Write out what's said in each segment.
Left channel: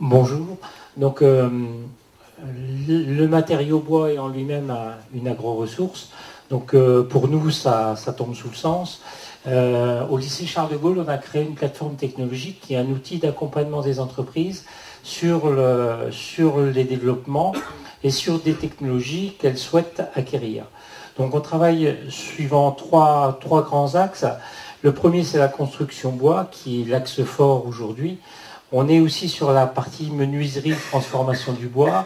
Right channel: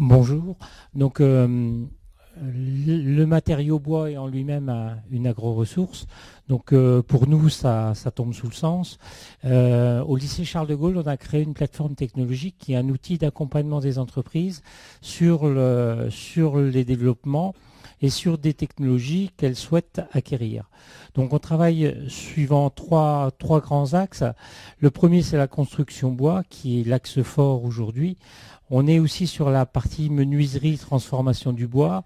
Bonjour. Donc, le matériau bois est en lui-même une agro-ressource. Donc, pour nous, ça tombe sous le sens. Au lycée Charles de Gaulle, on a créé une plateforme technologique qui est un outil d'accompagnement des entreprises sur les développements et sur des technologies qu'elles souhaitent acquérir. Donc, on travaille suivant trois grands axes. Le premier, c'est la construction bois, qui est l'axe fort aujourd'hui. On est aussi sur la partie menuiserie, transformation du bois,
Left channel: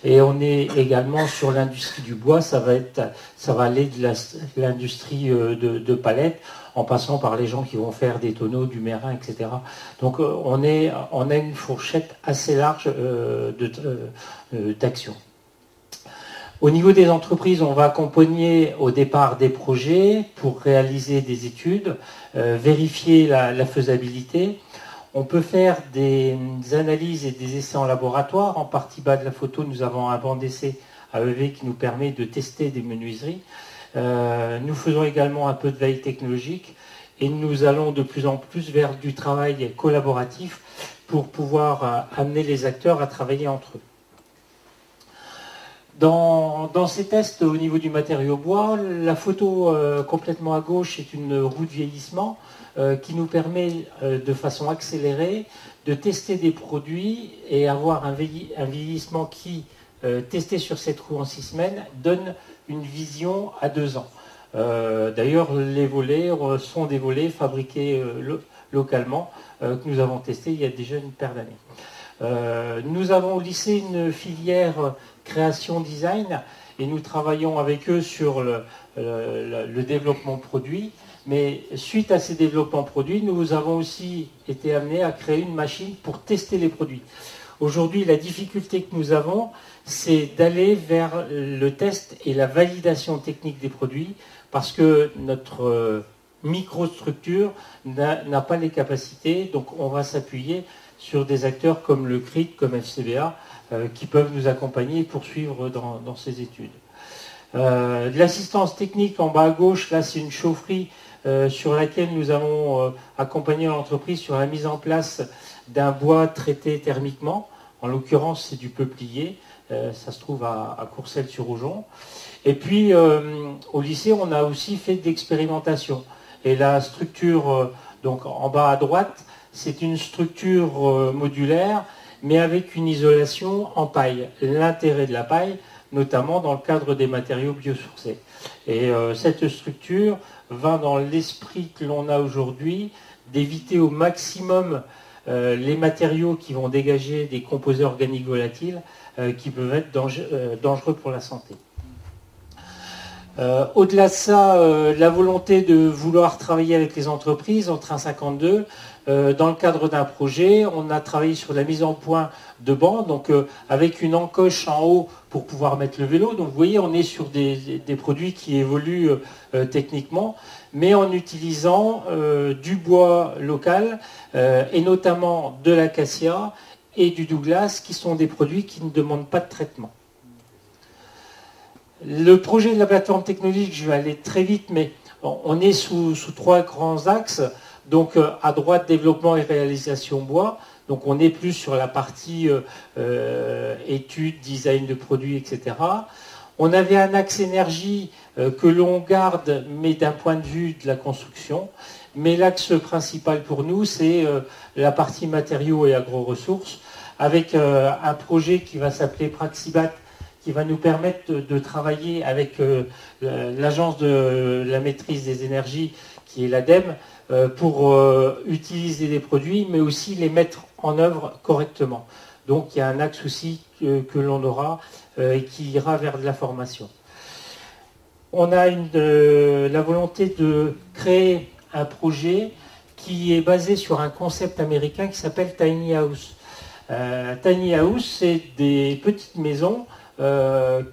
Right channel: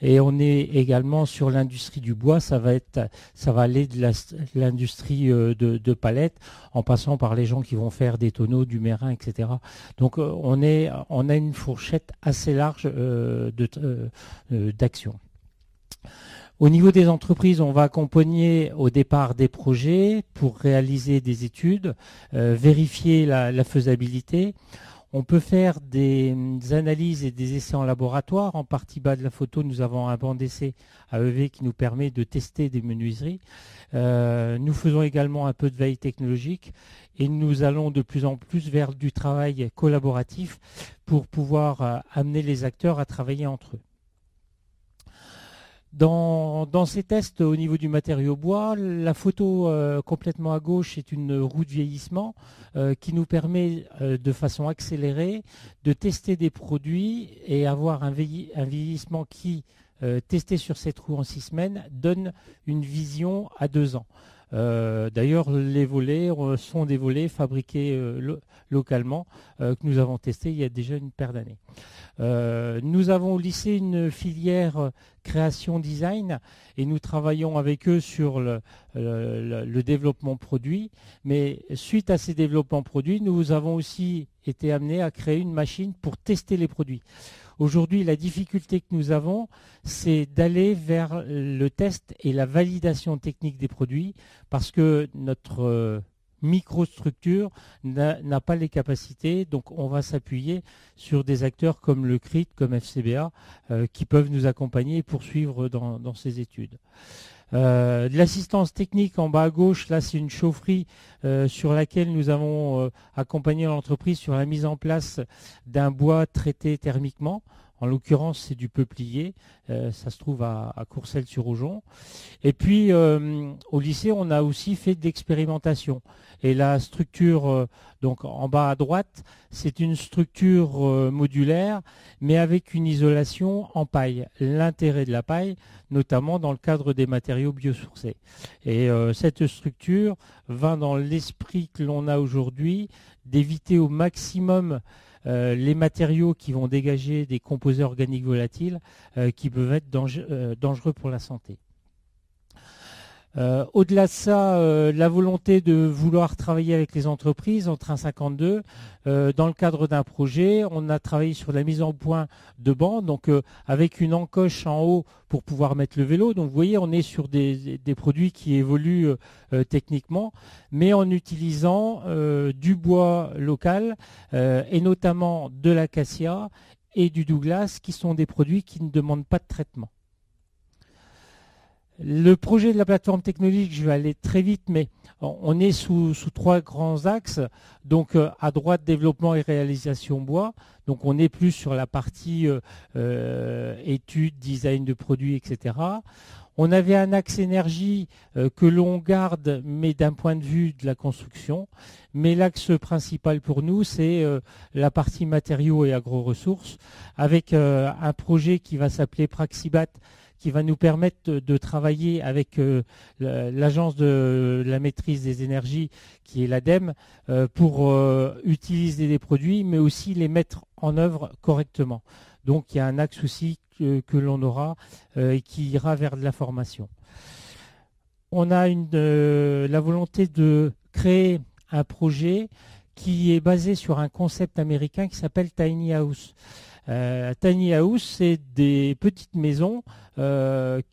et on est également sur l'industrie du bois. Ça va aller de l'industrie de palettes, en passant par les gens qui vont faire des tonneaux, du mérin, etc. Donc on a une fourchette assez large d'action. Au niveau des entreprises, on va accompagner au départ des projets pour réaliser des études, vérifier la faisabilité. On peut faire des analyses et des essais en laboratoire. En partie bas de la photo, nous avons un banc d'essai AEV qui nous permet de tester des menuiseries. Nous faisons également un peu de veille technologique et nous allons de plus en plus vers du travail collaboratif pour pouvoir amener les acteurs à travailler entre eux. Dans ces tests au niveau du matériau bois, la photo complètement à gauche est une roue de vieillissement qui nous permet de façon accélérée de tester des produits et avoir un vieillissement qui, testé sur cette roue en 6 semaines, donne une vision à 2 ans. D'ailleurs, les volets sont des volets fabriqués localement que nous avons testés il y a déjà une paire d'années. Nous avons lissé une filière création design et nous travaillons avec eux sur le développement produit. Mais suite à ces développements produits, nous avons aussi été amenés à créer une machine pour tester les produits. Aujourd'hui, la difficulté que nous avons, c'est d'aller vers le test et la validation technique des produits parce que notre microstructure n'a pas les capacités. Donc on va s'appuyer sur des acteurs comme le CRIT, comme FCBA, qui peuvent nous accompagner et poursuivre dans ces études. De l'assistance technique en bas à gauche, là c'est une chaufferie sur laquelle nous avons accompagné l'entreprise sur la mise en place d'un bois traité thermiquement. En l'occurrence, c'est du peuplier. Ça se trouve à Courcelles-sur-Aujon. Et puis, au lycée, on a aussi fait d'expérimentation. Et la structure, donc en bas à droite, c'est une structure modulaire, mais avec une isolation en paille. L'intérêt de la paille, notamment dans le cadre des matériaux biosourcés. Et cette structure va dans l'esprit que l'on a aujourd'hui d'éviter au maximum les matériaux qui vont dégager des composés organiques volatiles qui peuvent être dangereux pour la santé. Au-delà de ça, la volonté de vouloir travailler avec les entreprises en Train 52, dans le cadre d'un projet, on a travaillé sur la mise en point de bancs, donc avec une encoche en haut pour pouvoir mettre le vélo. Donc vous voyez, on est sur des produits qui évoluent techniquement, mais en utilisant du bois local et notamment de l'acacia et du Douglas, qui sont des produits qui ne demandent pas de traitement. Le projet de la plateforme technologique, je vais aller très vite, mais on est sous 3 grands axes. Donc à droite, développement et réalisation bois. Donc on est plus sur la partie études, design de produits, etc. On avait un axe énergie que l'on garde, mais d'un point de vue de la construction. Mais l'axe principal pour nous, c'est la partie matériaux et agro-ressources, avec un projet qui va s'appeler Praxibat, qui va nous permettre de travailler avec l'agence de la maîtrise des énergies, qui est l'ADEME, pour utiliser les produits, mais aussi les mettre en œuvre correctement. Donc il y a un axe aussi que l'on aura et qui ira vers de la formation. On a la volonté de créer un projet qui est basé sur un concept américain qui s'appelle Tiny House. Tiny House, c'est des petites maisons qu'on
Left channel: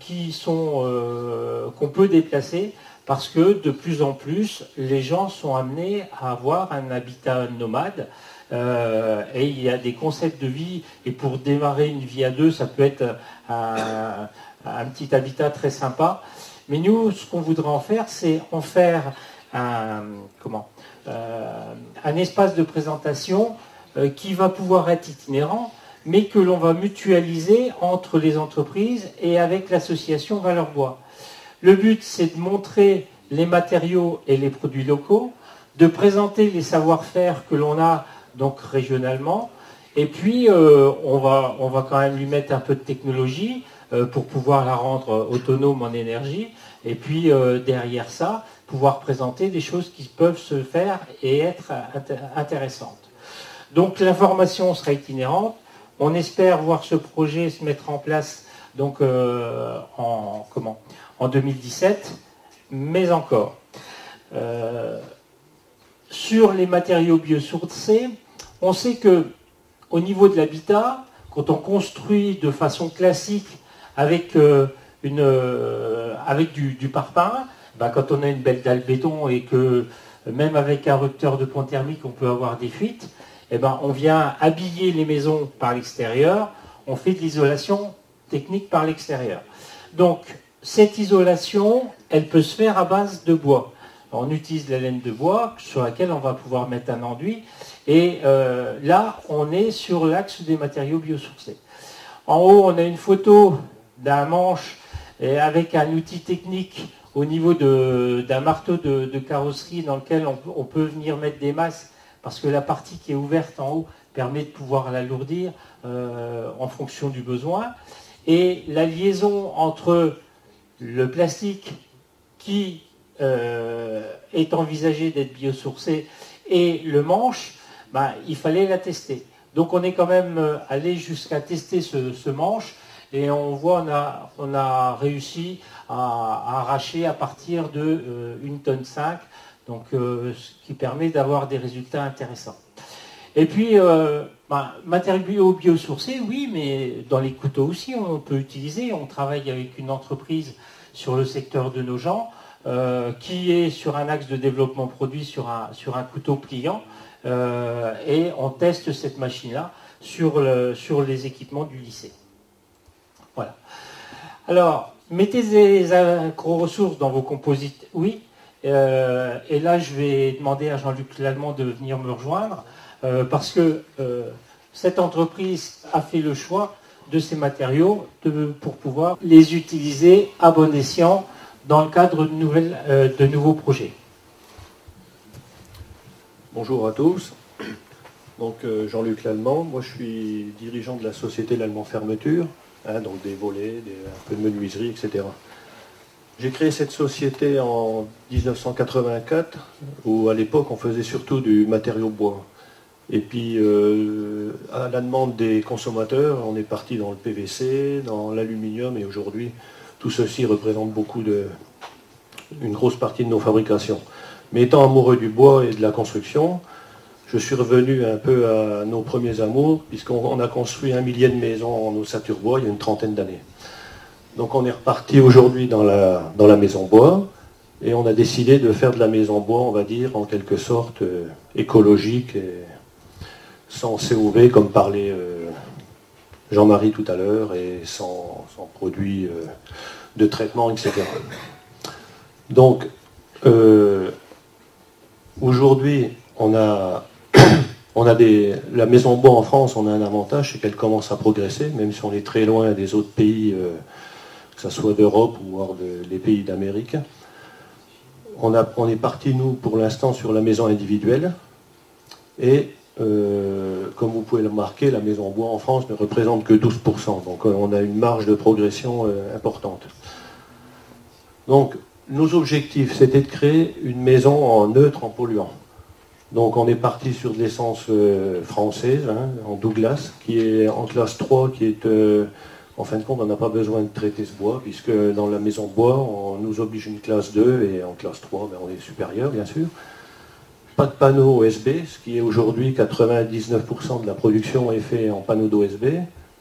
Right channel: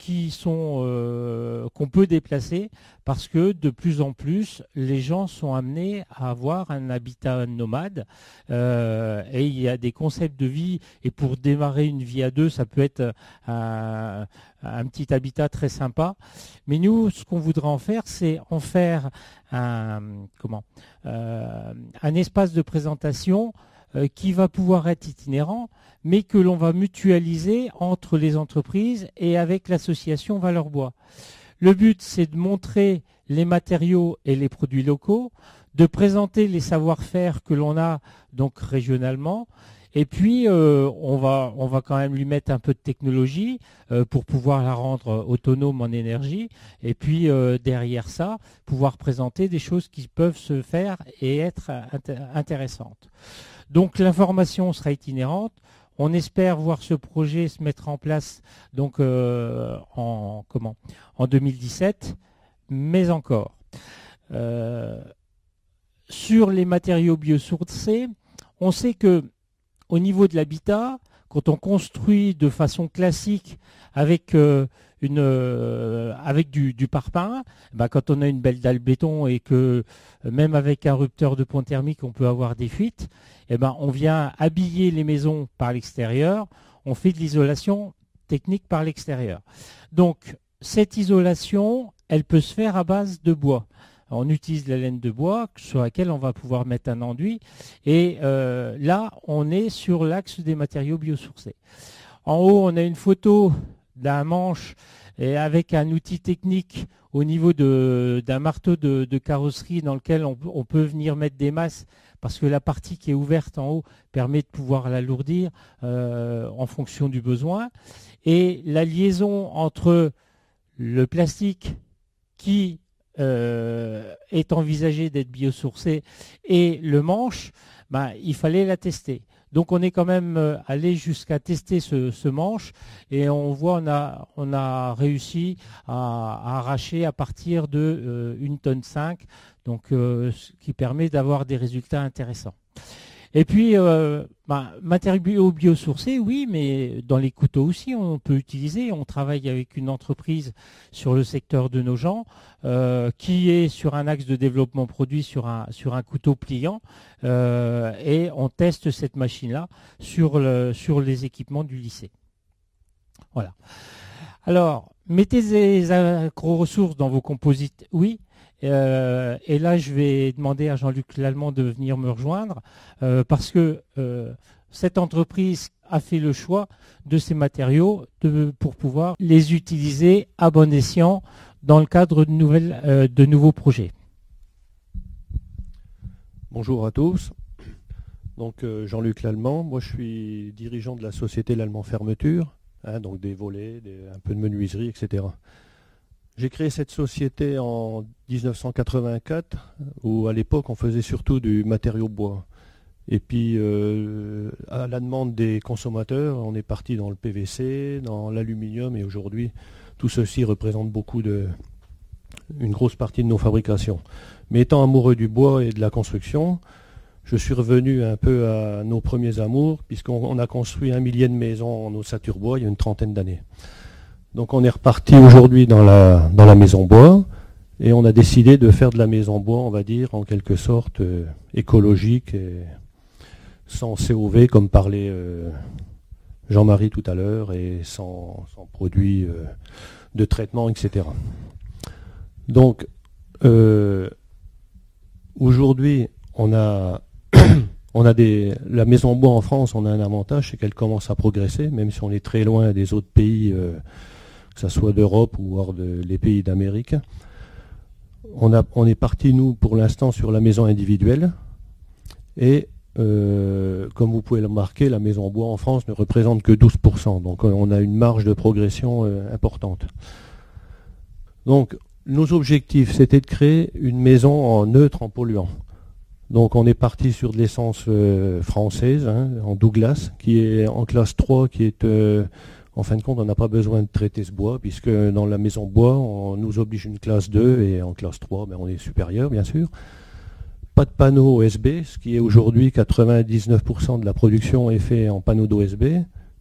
peut déplacer parce que de plus en plus, les gens sont amenés à avoir un habitat nomade et il y a des concepts de vie, et pour démarrer une vie à 2, ça peut être un petit habitat très sympa. Mais nous, ce qu'on voudrait en faire, c'est en faire un espace de présentation qui va pouvoir être itinérant, mais que l'on va mutualiser entre les entreprises et avec l'association Valeur Bois. Le but, c'est de montrer les matériaux et les produits locaux, de présenter les savoir-faire que l'on a donc régionalement, et puis on va quand même lui mettre un peu de technologie pour pouvoir la rendre autonome en énergie, et puis derrière ça, pouvoir présenter des choses qui peuvent se faire et être intéressantes. Donc l'information sera itinérante. On espère voir ce projet se mettre en place donc, en 2017, mais encore. Sur les matériaux biosourcés, on sait que au niveau de l'habitat, quand on construit de façon classique avec, avec du parpaing, quand on a une belle dalle béton et que même avec un rupteur de pont thermique on peut avoir des fuites, on vient habiller les maisons par l'extérieur, on fait de l'isolation technique par l'extérieur. Donc cette isolation, elle peut se faire à base de bois. On utilise la laine de bois sur laquelle on va pouvoir mettre un enduit. Et là, on est sur l'axe des matériaux biosourcés. En haut, on a une photo d'un manche et avec un outil technique au niveau d'un marteau de carrosserie dans lequel on peut venir mettre des masses parce que la partie qui est ouverte en haut permet de pouvoir l'alourdir en fonction du besoin. Et la liaison entre le plastique qui est envisagé d'être biosourcé et le manche, il fallait la tester. Donc on est quand même allé jusqu'à tester ce manche et on voit on a réussi à arracher à partir de 1,5 tonne, donc ce qui permet d'avoir des résultats intéressants. Et puis matériaux biosourcés, oui, mais dans les couteaux aussi on peut utiliser. On travaille avec une entreprise sur le secteur de Nogent qui est sur un axe de développement produit sur un couteau pliant et on teste cette machine-là sur les équipements du lycée. Voilà. Alors, mettez des agro-ressources dans vos composites, oui. Et là, je vais demander à Jean-Luc Lallemand de venir me rejoindre parce que cette entreprise a fait le choix de ces matériaux pour pouvoir les utiliser à bon escient dans le cadre de nouveaux projets. Bonjour à tous. Donc Jean-Luc Lallemand, moi je suis dirigeant de la société Lallemand Fermeture, donc des volets, un peu de menuiserie, etc. J'ai créé cette société en 1984, où à l'époque on faisait surtout du matériau bois. Et puis à la demande des consommateurs, on est parti dans le PVC, dans l'aluminium, et aujourd'hui tout ceci représente une grosse partie de nos fabrications. Mais étant amoureux du bois et de la construction, je suis revenu un peu à nos premiers amours, puisqu'on a construit 1 millier de maisons en ossature bois il y a une trentaine d'années. Donc on est reparti aujourd'hui dans la maison bois, et on a décidé de faire de la maison bois, on va dire, en quelque sorte écologique, et sans COV, comme parlait Jean-Marie tout à l'heure, et sans produits de traitement, etc. Donc, aujourd'hui, la maison bois en France, on a un avantage, c'est qu'elle commence à progresser, même si on est très loin des autres pays, que ce soit d'Europe ou voire des pays d'Amérique. On est parti, nous, pour l'instant, sur la maison individuelle. Et, comme vous pouvez le remarquer, la maison bois en France ne représente que 12%. Donc, on a une marge de progression importante. Donc, nos objectifs, c'était de créer une maison en neutre, en polluant. Donc on est parti sur de l'essence française, en Douglas, qui est en classe 3, qui est, en fin de compte, on n'a pas besoin de traiter ce bois, puisque dans la maison bois, on nous oblige une classe 2, et en classe 3, on est supérieur, bien sûr. Pas de panneaux OSB, ce qui est aujourd'hui 99% de la production est fait en panneaux d'OSB,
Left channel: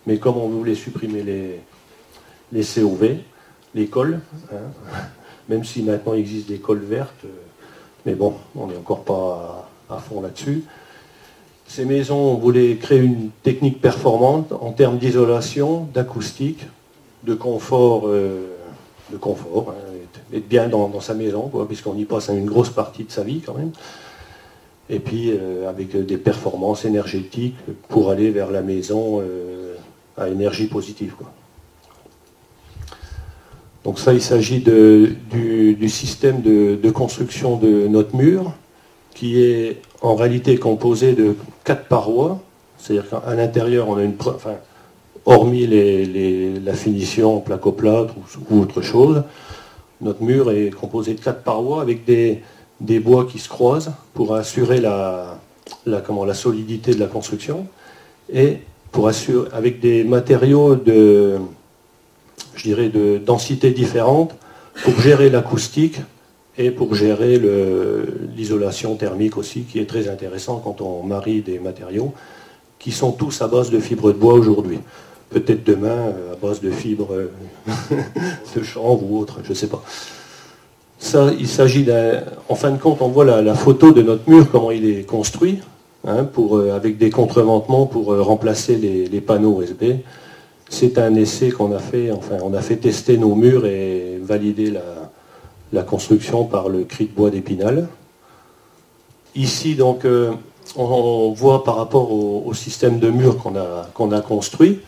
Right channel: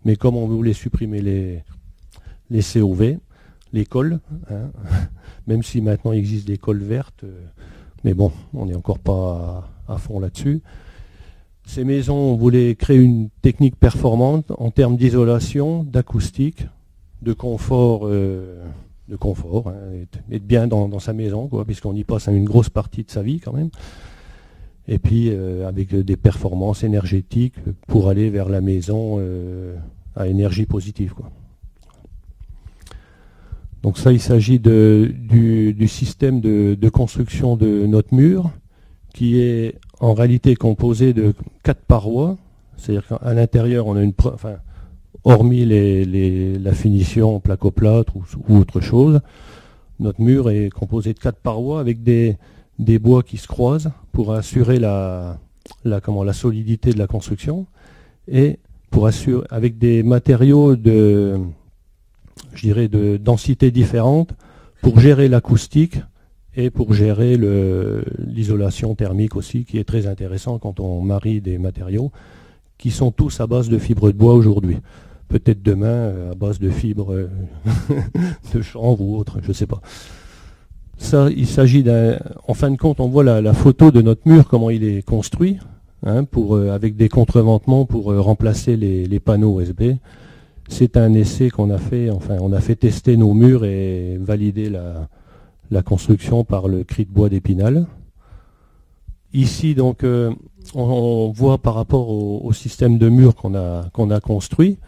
mais comme on voulait supprimer les COV, les cols, même si maintenant il existe des cols vertes, mais bon, on n'est encore pas à fond là-dessus. Ces maisons, on voulait créer une technique performante en termes d'isolation, d'acoustique, de confort, être bien dans sa maison, puisqu'on y passe une grosse partie de sa vie quand même. et puis avec des performances énergétiques pour aller vers la maison à énergie positive, quoi. Donc ça, il s'agit du système de construction de notre mur, qui est en réalité composé de 4 parois, c'est-à-dire qu'à l'intérieur, on a hormis la finition placo-plâtre ou autre chose, notre mur est composé de 4 parois avec des bois qui se croisent pour assurer la solidité de la construction, et pour assurer avec des matériaux de densité différente pour gérer l'acoustique et pour gérer l'isolation thermique aussi, qui est très intéressant quand on marie des matériaux qui sont tous à base de fibres de bois aujourd'hui. Peut-être demain à base de fibres de chanvre ou autre, je ne sais pas. Ça, il s'agit en fin de compte, on voit la photo de notre mur, comment il est construit, hein, avec des contreventements pour remplacer les panneaux USB. C'est un essai qu'on a fait, on a fait tester nos murs et valider la construction par le cri de bois d'Épinal. Ici, donc, on voit par rapport au système de murs qu'on a construit,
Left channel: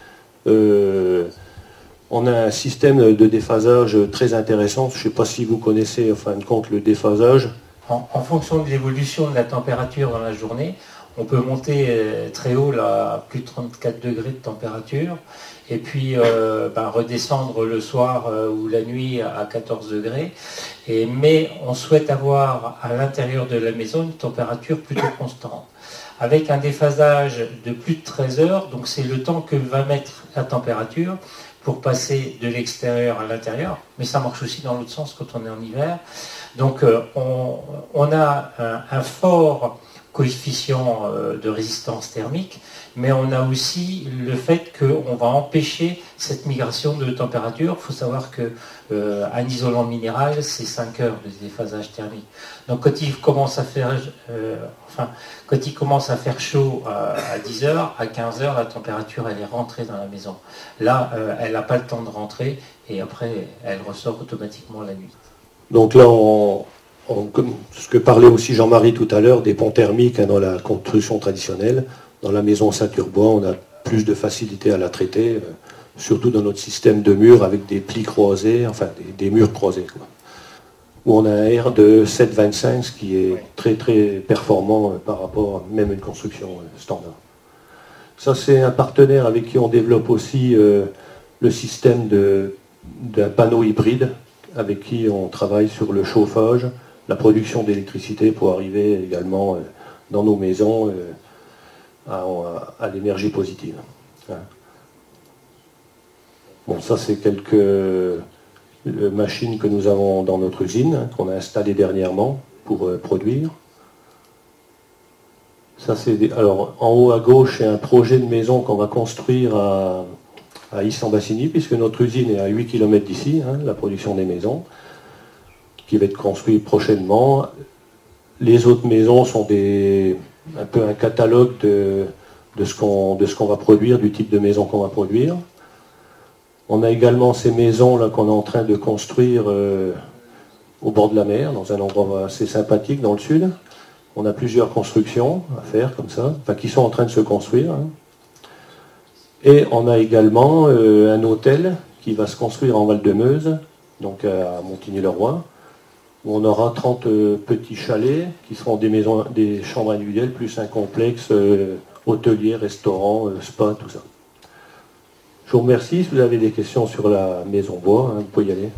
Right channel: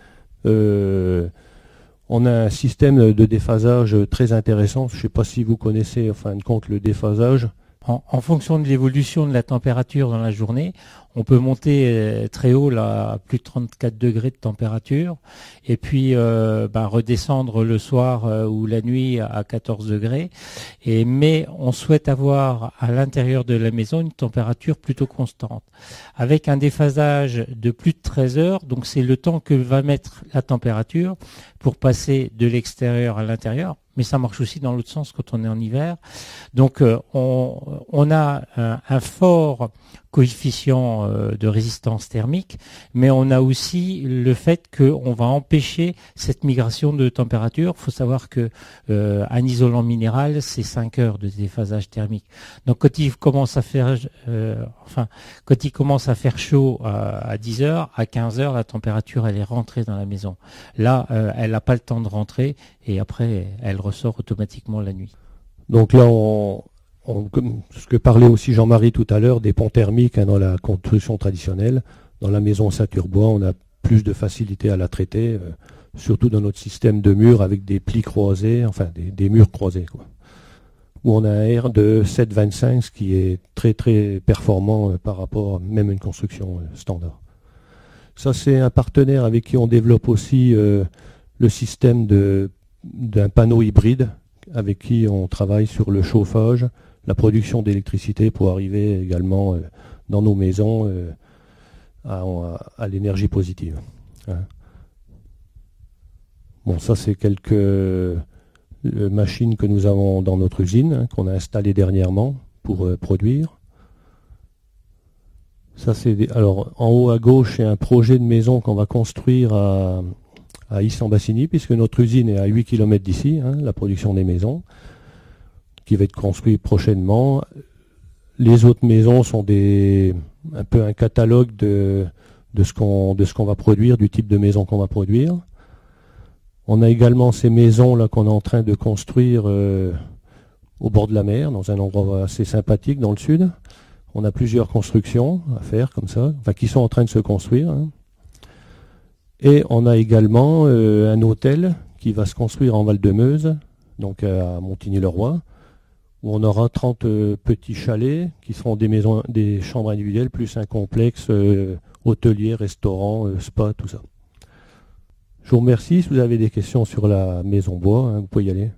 on a un système de déphasage très intéressant. Je ne sais pas si vous connaissez, en fin de compte, le déphasage. En fonction de l'évolution de la température dans la journée, on peut monter très haut, là, à plus de 34 degrés de température, et puis redescendre le soir ou la nuit à 14 degrés. Mais on souhaite avoir à l'intérieur de la maison une température plutôt constante, avec un déphasage de plus de 13 heures, donc c'est le temps que va mettre la température pour passer de l'extérieur à l'intérieur, mais ça marche aussi dans l'autre sens quand on est en hiver. Donc on a un fort coefficient de résistance thermique, mais on a aussi le fait qu'on va empêcher cette migration de température. Il faut savoir qu'un isolant minéral, c'est 5 heures de déphasage thermique. Donc quand il commence à faire, chaud à 10 heures, à 15 heures, la température elle est rentrée dans la maison. Là, elle n'a pas le temps de rentrer et après, elle ressort automatiquement la nuit. Donc là, comme ce que parlait aussi Jean-Marie tout à l'heure, des ponts thermiques, hein, dans la construction traditionnelle. Dans la maison ceinture-bois, on a plus de facilité à la traiter, surtout dans notre système de murs avec des plis croisés, des murs croisés, quoi. Où on a un R de 7,25, ce qui est très très performant par rapport même à une construction standard. Ça, c'est un partenaire avec qui on développe aussi le système d'un panneau hybride, avec qui on travaille sur le chauffage, la production d'électricité pour arriver également dans nos maisons à l'énergie positive. Hein. Bon, ça c'est quelques machines que nous avons dans notre usine, hein, qu'on a installées dernièrement pour produire. Ça, alors en haut à gauche, c'est un projet de maison qu'on va construire à Issy-en-Bassigny, puisque notre usine est à 8 km d'ici, hein, la production des maisons, qui va être construite prochainement. Les autres maisons sont un peu un catalogue de ce qu'on va produire, du type de maison qu'on va produire. On a également ces maisons là qu'on est en train de construire au bord de la mer, dans un endroit assez sympathique dans le sud. On a plusieurs constructions à faire comme ça, qui sont en train de se construire. Hein. Et on a également un hôtel qui va se construire en Val-de-Meuse, donc à Montigny-le-Roi, où on aura 30 petits chalets qui seront des chambres individuelles, plus un complexe hôtelier, restaurant, spa, tout ça. Je vous remercie. Si vous avez des questions sur la maison bois, hein, vous pouvez y aller.